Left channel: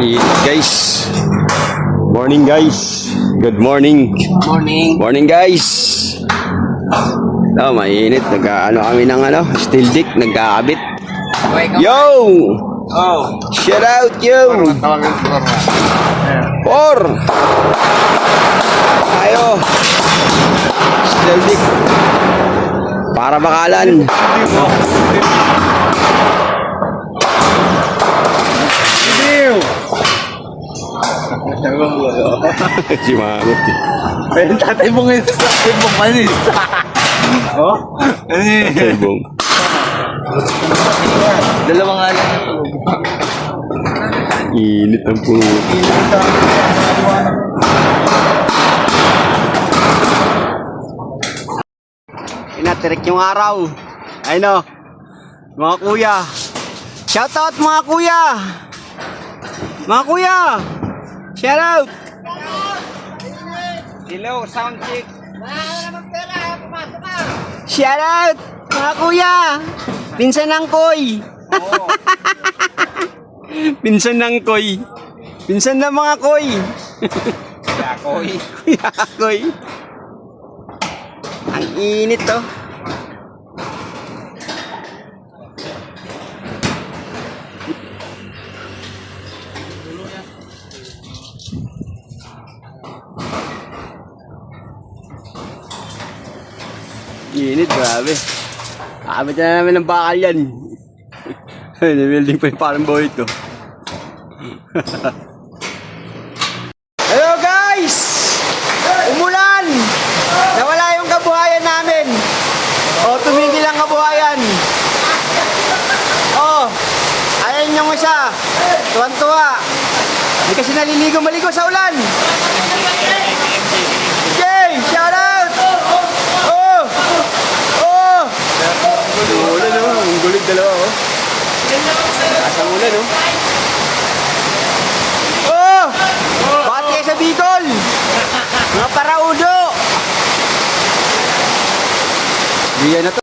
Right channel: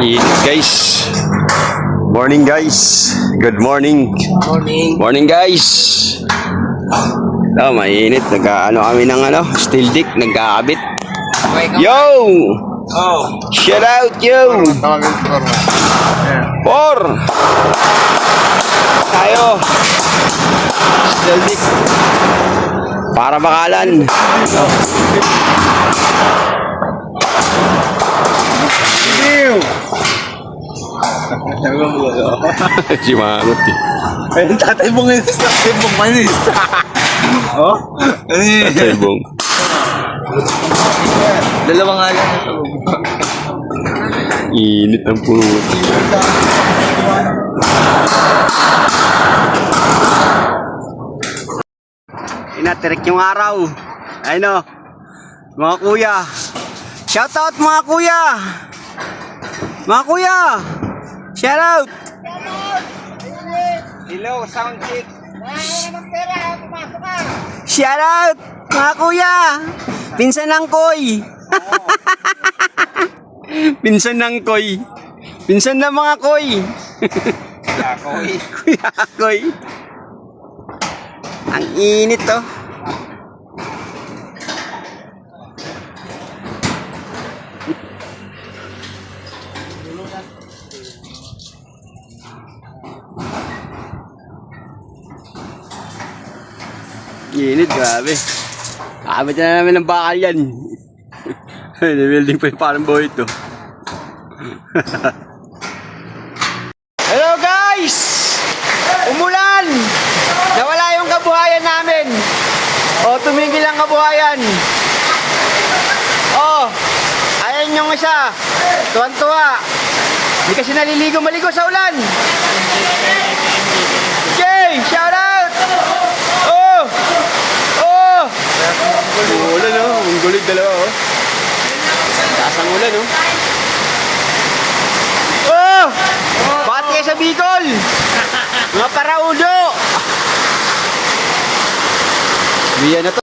Guys, morning guys. Good morning. Morning. Morning guys. Mainit. Nag-ano kami ng steel dick. Nagkakabit. Yo! Oh. Shout out yo! Por! Tayo. Steel dick. Para bakalan. Si Mangot eh. Pwede tatay mo ngayon sa tatay mo manis. Oh? Tatay Bong. Dalawa nga lang. Init ang puno. Inatirik yung araw. Ayun o. Mga kuya. Shout out mga kuya. Mga kuya. Shout out. Hello, sound check. Shout out mga kuya. Pinsan ng Koy. Pinsan ng Koy. Pinsan ng mga Koy. Kuya Koy. Ang init to. Init, grabe. Abot na namin ng bakal yan. Nibuilding pa yung parang boy ito. Hello guys! Umulan! Nawala yung kabuhayan namin. Tumigil ang kabuhayan. Ayan yung isa. Tuwan-tuwa. Hindi kasi naliligo maligo sa ulan. Jay! Shout out! Ulan ang gulit dalawa taas ang ulan bakit kayo sa Bicol? Mga paraudo! Diyan na to.